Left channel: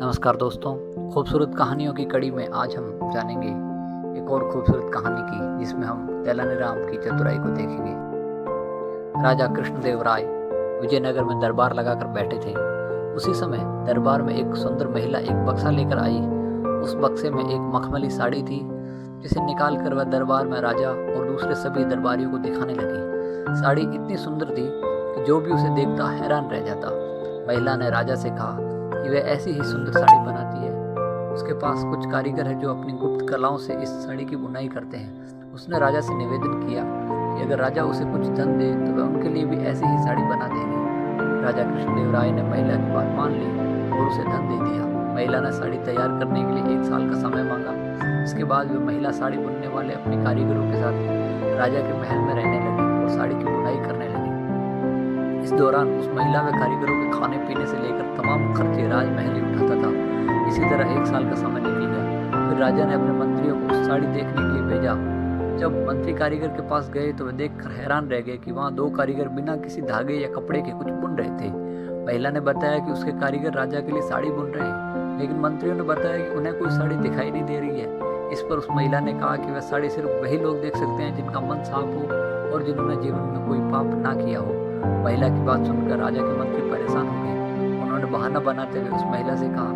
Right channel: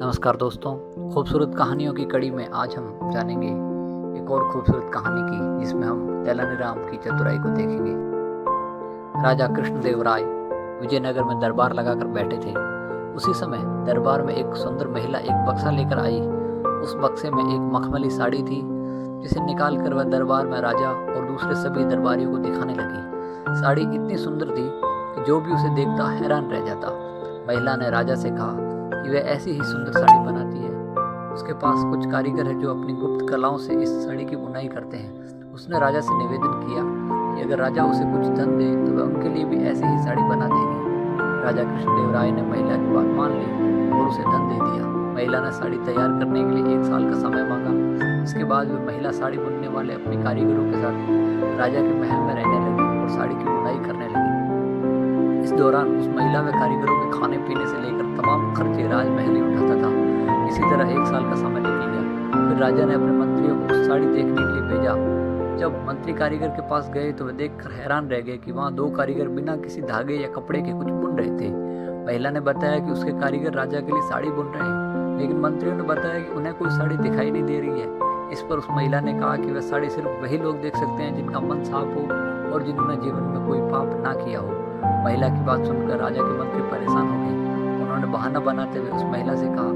नमस्कार दोस्तों, खूबसूरत कहानियों की कड़ी में आज हम जानेंगे एक और खूबसूरत कहानी की, जिसमें हम तेलानीराम की चतुराई को देखेंगे। राजा कृष्णदेव राय विजयनगर में दरबार लगाकर बैठे थे। उसी समय दरबार में एक सुंदर महिला एक बक्सा लेकर आई। उस बक्से में एक मखमली साड़ी थी, जिसे निकालकर वह दरबार में राजा और दूसरे सभी दरबारियों को दिखाने लगी। साड़ी इतनी सुंदर थी कि जो भी उसे देखता हैरान रह जाता। महिला ने राजा से कहा कि वह ऐसी ही सुंदर साड़ी बनाती है। उसके पास कुछ कारीगर है जो अपनी गुप्त कलाओं से इस साड़ी की बुनाई करते हैं। उसने राजा से निवेदन किया कि अगर राजा उसे कुछ धन दे तो वह उनके लिए भी ऐसी ही साड़ी बना देगी। राजा कृष्णदेव राय ने महिला की बात मान ली और उसे धन दे दिया। महिला ने साड़ी तैयार करने के लिए 1 साल का समय मांगा। इसके बाद वह महिला साड़ी बुनने वाले अपने कारीगरों के साथ राजा के महल में रहने लगी और साड़ी की बुनाई करने लगी। इस दौरान उस महिला व कारीगरों के खाने पीने से लेकर तमाम खर्चे राजमहल ही उठाता था। इसी तरह 1 साल का समय निकल गया। फिर राजा ने अपने मंत्रियों को उस साड़ी देखने के लिए भेजा। जब मंत्री कारीगर के पास गए तो वे देखकर हैरान रह गए कि वहाँ 2 कारीगर बिना किसी धागे या कपड़े के कुछ बुन रहे थे। महिला ने बताया कि उसके कारीगर राजा के लिए साड़ी बुन रहे हैं, लेकिन मंत्रियों ने बताया कि उन्हें कोई साड़ी दिखाई नहीं दे रही है। इस पर उस महिला ने कहा कि वह साड़ी सिर्फ वही लोग देख सकते हैं जिनका मन साफ हो और जिन्होंने जीवन में कोई पाप ना किया हो। महिला की बात सुनकर राजा के मंत्री परेशान हो गए। उन्होंने बहाना बनाते हुए उस महिला से कहा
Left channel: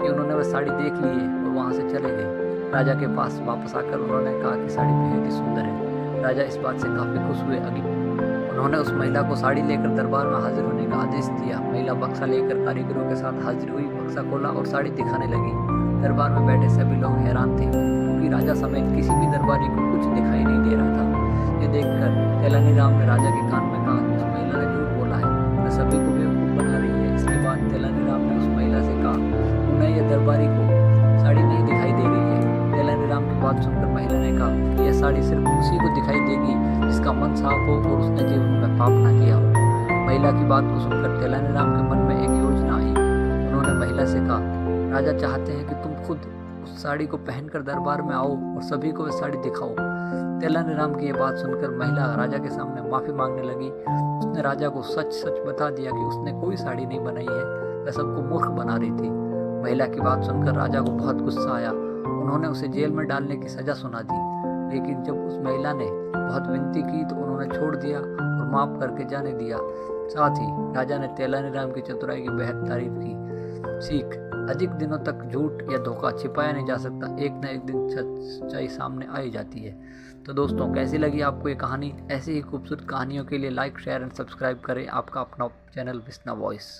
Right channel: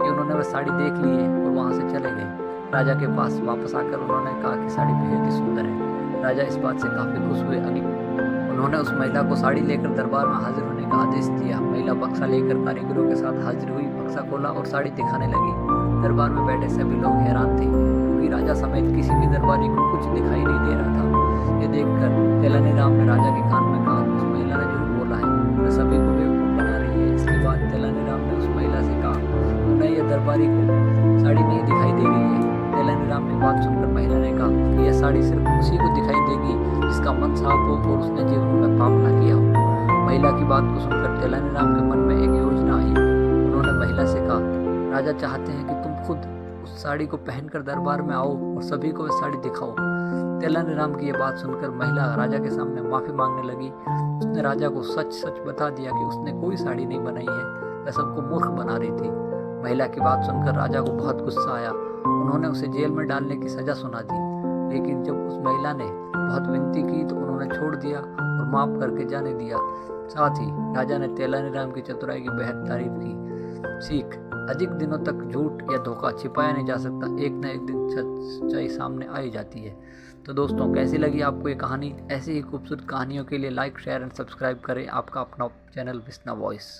कि उन्होंने वह साड़ी देख ली है और वहां से चले गए। राजा के पास वापस आकर उन्होंने कहा कि साड़ी बेहद ही सुंदर है। राजा इस बात से काफी खुश हुए। उन्होंने उस महिला को साड़ी लेकर दरबार में हाजिर होने का आदेश दिया। महिला बक्सा लेकर कारीगरों के साथ हाजिर हुई, बक्सा खोला और साड़ी दिखाने लगी। दरबार में बैठे सभी लोग हैरान थे, क्योंकि राजा समेत किसी भी दरबारी को कुछ दिखाई नहीं दे रहा था। ये देखकर तेलानीराम ने राजा के कान में कहा कि उस महिला ने झूठ बोला है, वह सभी को बेवकूफ बना रही है। इसके बाद तेलानीराम ने उस महिला से कहा, उन्हें यह दरबारी को साड़ी नहीं दिखाई दे रही है। तेलानीराम की बात सुनकर महिला ने कहा कि यह साड़ी सिर्फ उसी को दिखाई देगी जिसका मन साफ हो और उसने जीवन में पाप ना किया हो। महिला की बात को सुनकर तेलानीराम के मन में एक योजना आई। उन्होंने महिला से कहा, राजा चाहते हैं कि तुम खुद उस साड़ी को पहनकर दरबार में आओ और सभी को वह साड़ी दिखाओ। तेलानीराम की यह बात सुनकर महिला राजा के सामने माफी मांगने लगी। उसने राजा को सच सच बता दिया कि उसने कोई साड़ी नहीं बनाई है, वह सबको मूर्ख बना रही थी। महिला की बात सुनकर राजा को बहुत गुस्सा आया। उन्होंने उसे जेल में डालने की सजा सुना दी, लेकिन जब उस महिला ने बहुत विनती की तो उन्होंने छोड़ दिया और माफ करके जाने दिया। साथ ही राजा ने तेलानीराम की चतुराई की बेहद तारीफ की। सीख, अधिक दिनों तक झूठ या धोखा छिपाया नहीं जा सकता, एक न एक दिन सच्चाई सामने आ ही जाती है। तो दोस्तों, कैसी लगी आपको ये कहानी? ऐसी ही खूबसूरत कहानियों के लिए लाइक, शेयर एंड सब्सक्राइब करें आपका अपना चैनल विस्ना वॉइस।